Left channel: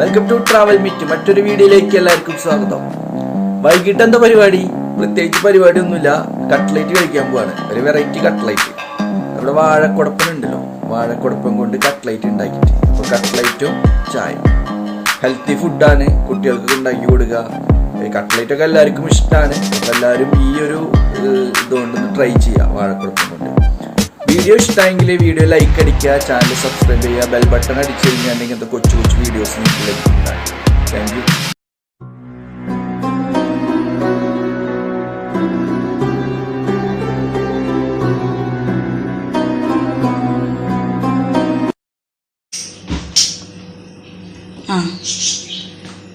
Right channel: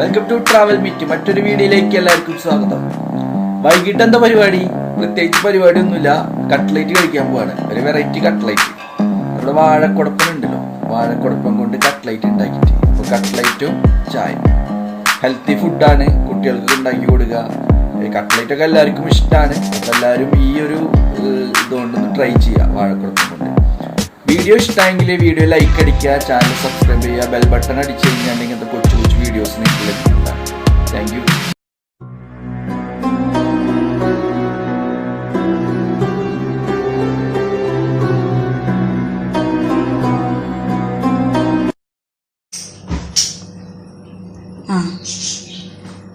Welcome to travel meet. മറ്റൊരു വീഡിയോയിലേക്ക് എല്ലാവർക്കും സ്വാഗതം. വൈകിട്ട് എന്താ പരിപാടി? പ്രത്യേകിച്ച് പരിപാടിയൊന്നുമില്ല. കട്ട്ലേറ്റ് കഴിക്കാൻ പോവാണ്. ഒരു വെറൈറ്റി കട്ട്ലേറ്റ്. നമ്മുടെ വാഴക്കുടപ്പനുണ്ടല്ലോ, വാഴക്കുടപ്പൻ കൊണ്ട് കട്ട്ലേറ്റ് ഉണ്ടാക്കിയിട്ട്. അപ്പോൾ കട്ട്ലേറ്റും ചായ ഹെൽത്തി ഫുഡാണ്, കുട്ടികൾക്ക് ഉണ്ടാക്കി കൊടുക്കുക. കട്ട്ലേറ്റ് ഒക്കെ എല്ലാവർക്കും ഇഷ്ടമാണ്. അപ്പോൾ എല്ലാവരും ഈ ഒരു ഇതുകൊണ്ടൊന്ന് ട്രൈ ചെയ്യുക, വാഴക്കുടപ്പൻ കൊണ്ട്. വീഡിയോ ഇഷ്ടമെങ്കിൽ വീഡിയോ ലൈക്ക് അടിക്കുക, ചാനൽ സബ്സ്ക്രൈബ് ചെയ്യുക, ബെൽ ബട്ടൺ അടിച്ച് കഴിഞ്ഞാൽ ഇങ്ങനത്തെ കൊച്ചു കൊച്ചു വീഡിയോസ് നിങ്ങൾക്ക് ലഭിക്കുന്നതാണ്. Thank you.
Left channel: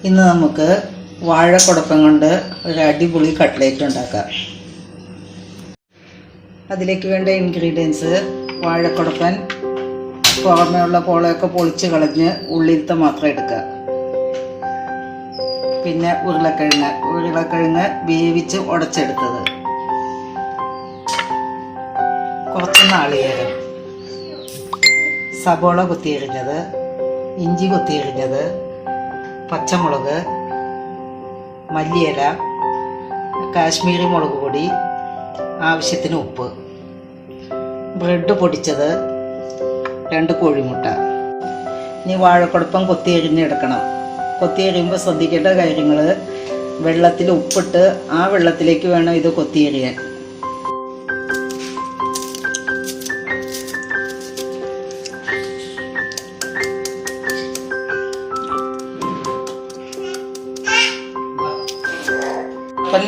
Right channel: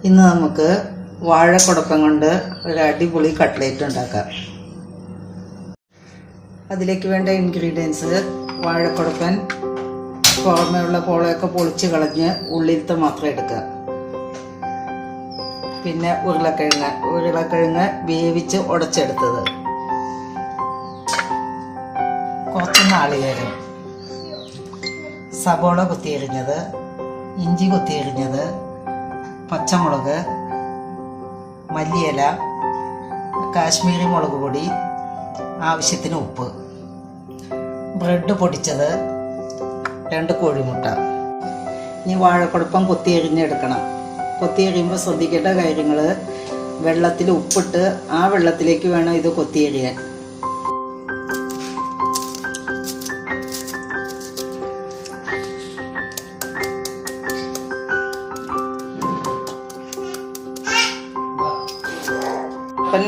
ഇന്ന് നമുക്ക് വാഴക്കുടപ്പൻ കൊണ്ട് ഒരു അടിപൊളി കട്ട്ലേറ്റ് ഉണ്ടാക്കാം. അതിലേക്ക് വേണ്ട ഇൻഗ്രീഡിയൻസ്: വാഴക്കുടപ്പൻ പുറമേയുള്ള പോളയൊക്കെ പൊളിച്ച് കളഞ്ഞ് ഉള്ളിലത്തെ മാത്രം എടുക്കുക. പിന്നെ ഉരുളക്കിഴങ്ങ് വേവിച്ച് ഉടച്ചെടുത്തത്, കുറച്ച് നാളികേരം, സബോള കൊത്തിയരിഞ്ഞത്, ഇഞ്ചി കൊത്തിയരിഞ്ഞത്, പച്ചമുളക്, മല്ലിയില, കാശ്മീരി മുളക് പൊടി, ആവശ്യത്തിന് ഉപ്പ്, ബ്രെഡ് പൊടിച്ചത്, 2 കോഴിമുട്ട. ഇനി വാഴക്കുടപ്പൻ കൊത്തിയരിഞ്ഞെടുക്കണം. കൊത്തിയരിയുമ്പോൾ ശ്രദ്ധിക്കേണ്ട കാര്യങ്ങൾ: വെള്ളത്തിൽ ഉപ്പിട്ട് ആ വെള്ളത്തിലേക്ക് വേണം ഇത് കൊത്തിയരിയാൻ.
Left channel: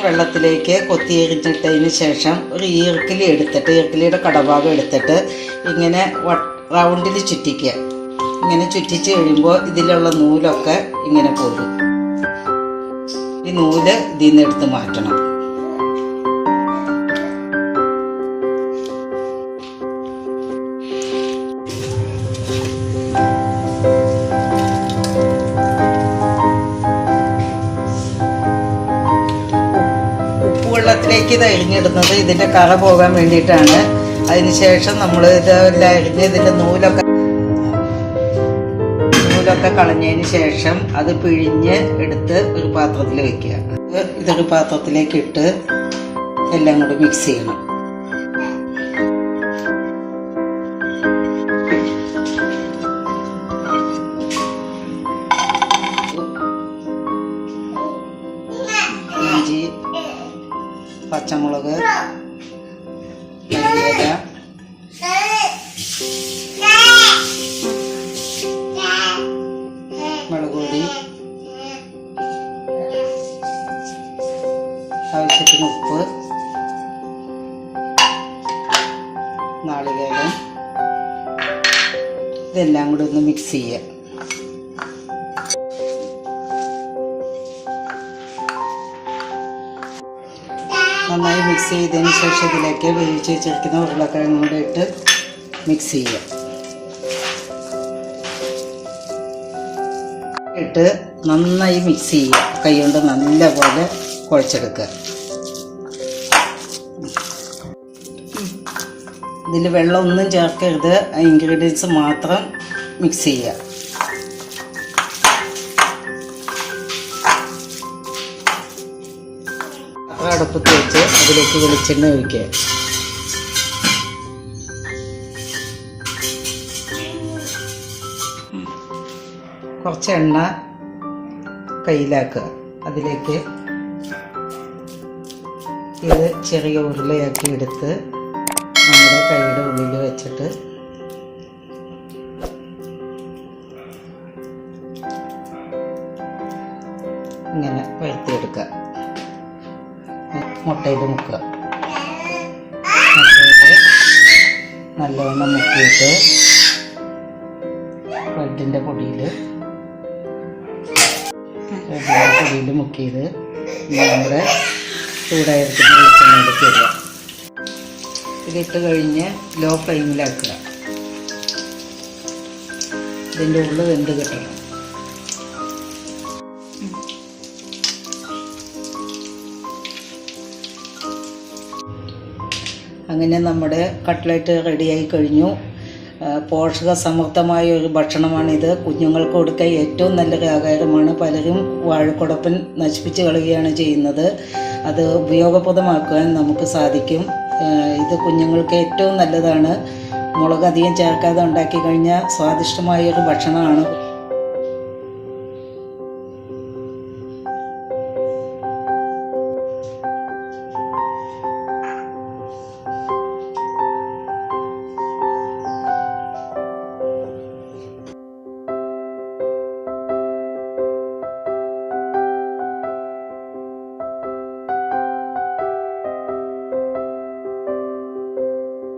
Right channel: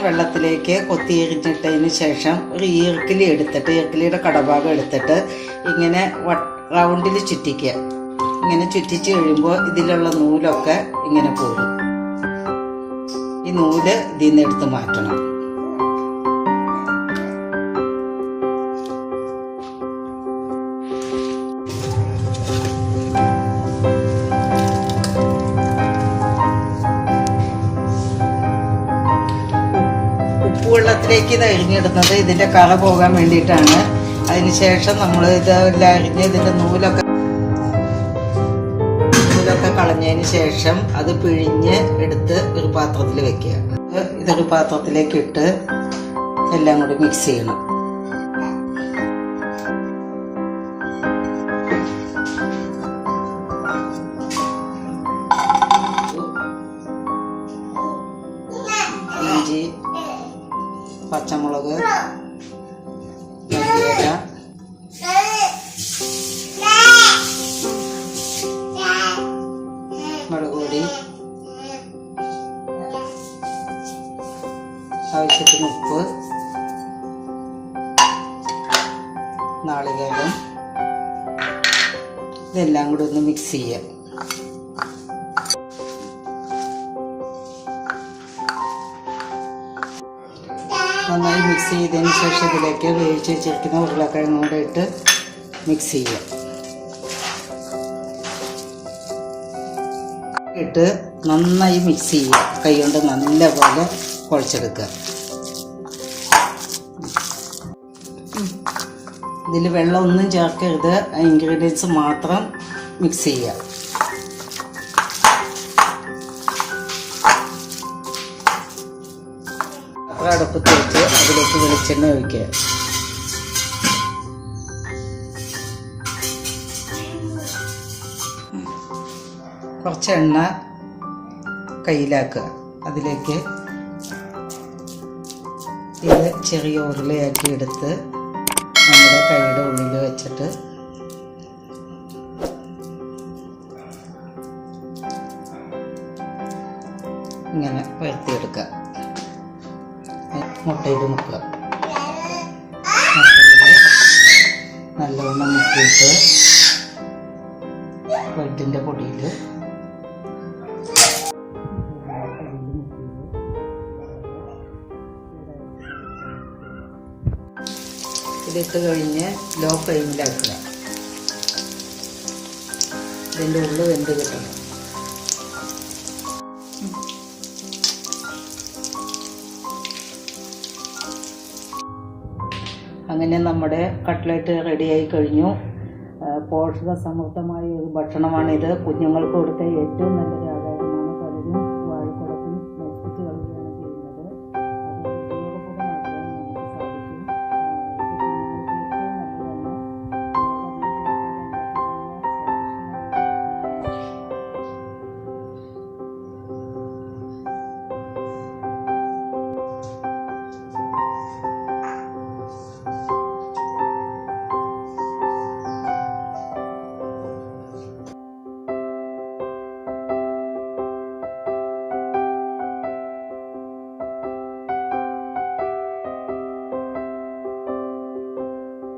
വെള്ളത്തിലേക്ക് കൊത്തിയരിഞ്ഞിട്ടതിന് ശേഷം ഒരു ഈർക്കിലിയുടെ കടഭാഗം എടുത്തിട്ട് ഇങ്ങനെ റൗണ്ടിൽ ചുറ്റിക്കുക. ഇങ്ങനെ ചുറ്റിച്ച് കഴിയുമ്പോൾ ഇതിലുള്ള നൂലൊക്കെ ഇങ്ങനെ പോരും. ഈ നൂല് ഇതിൽ നിന്ന് എടുത്ത് മാറ്റണം. വെള്ളത്തിലേക്ക് ഇത് അരിഞ്ഞിടുന്നത് ഇതിൻ്റെ കള പോകാൻ വേണ്ടിയിട്ടാണ്. അതിനുശേഷം നമ്മൾ ഇതെല്ലാം അരിഞ്ഞ് ഇതിൻ്റെ നൂലൊക്കെ കളഞ്ഞതിന് ശേഷം അത് പിഴിഞ്ഞ് എടുത്ത് ഒരു പാത്രത്തിൽ വെക്കുക. ഇതൊരു പാത്രത്തിലേക്ക് ഇട്ട് എല്ലാം കൂടി മിക്സ് ചെയ്യണം. ഇഞ്ചി, പച്ചമുളക്, മല്ലിയില, മുളക് പൊടി, ആവശ്യത്തിന് ഉപ്പ്, നാളികേരം, ഇതെല്ലാം കൂടി ഒന്ന് മിക്സ് ചെയ്യുക. നന്നായി മിക്സ് ചെയ്തതിന് ശേഷം ഇതിലേക്ക് വേവിച്ച് വെച്ചിരിക്കുന്ന ഉരുളക്കിഴങ്ങും കൂടെ ഇട്ട് മിക്സ് ചെയ്യുക. ഇട്ട് നന്നായി മിക്സ് ചെയ്യുക. കൈ കൊണ്ട് നല്ലപോലെ കുഴച്ചെടുക്കുക. ഇതിൽ വെള്ളമൊന്നും ചേർക്കരുത്, ഇൻഗ്രീഡിയൻസ് മാത്രം മിക്സ് ചെയ്യുക. അടുപ്പത്ത് വെച്ച് അതിലേക്ക് വെളിച്ചെണ്ണ ഒഴിക്കുക. കുറച്ച് എണ്ണ കയ്യിലാക്കുക. അതിലേക്ക് ഇത് ചെറിയ ഉരുളയാക്കി എടുത്ത് നമ്മുടെ കൈയുടെ ഉള്ളിൽ വെച്ചിട്ട് ഇങ്ങനെ വരുത്തിയെടുക്കുക. മുട്ടയിൽ മുക്കുക. മുട്ടയിൽ നല്ലവണ്ണം മുക്കിയിട്ട് ബ്രെഡിൻ്റെ പൊടിയിൽ മുക്കിയത് നമ്മുടെ ചൂടായിരിക്കുന്ന വെളിച്ചെണ്ണയിലേക്ക് ഇടുക. ഇതിട്ട് കഴിഞ്ഞ് ലോ ഫ്ലെയിമിലാക്കുക. ഇതിൻ്റെ ഉള്ളിൽ വെന്ത് കിട്ടണം. അങ്ങനെ നമ്മുടെ കട്ട്ലേറ്റ് റെഡിയായി കഴിഞ്ഞു. പോഷക സമൃദ്ധമായ ഒരു ഭക്ഷണമാണിത്. കുഞ്ഞുങ്ങൾക്ക് കൊടുക്കാൻ ഏറ്റവും നല്ലൊരു ആഹാരമാണ്. പലരും വാഴക്കുടപ്പൻ നശിപ്പിച്ച് കളയുകയാണ് ചെയ്യുന്നത്. അത് ഉപയോഗപ്രദമാക്കാൻ നമുക്ക് സാധിക്കും. ഇത് കുഞ്ഞുങ്ങൾക്ക് ഏറ്റവും നല്ലതാണ്. മുളക് അധികം ചേർക്കാതെ ഉണ്ടാക്കി കഴിഞ്ഞാൽ സ്വാദിഷ്ടമായൊരു ഭക്ഷണമാണ്.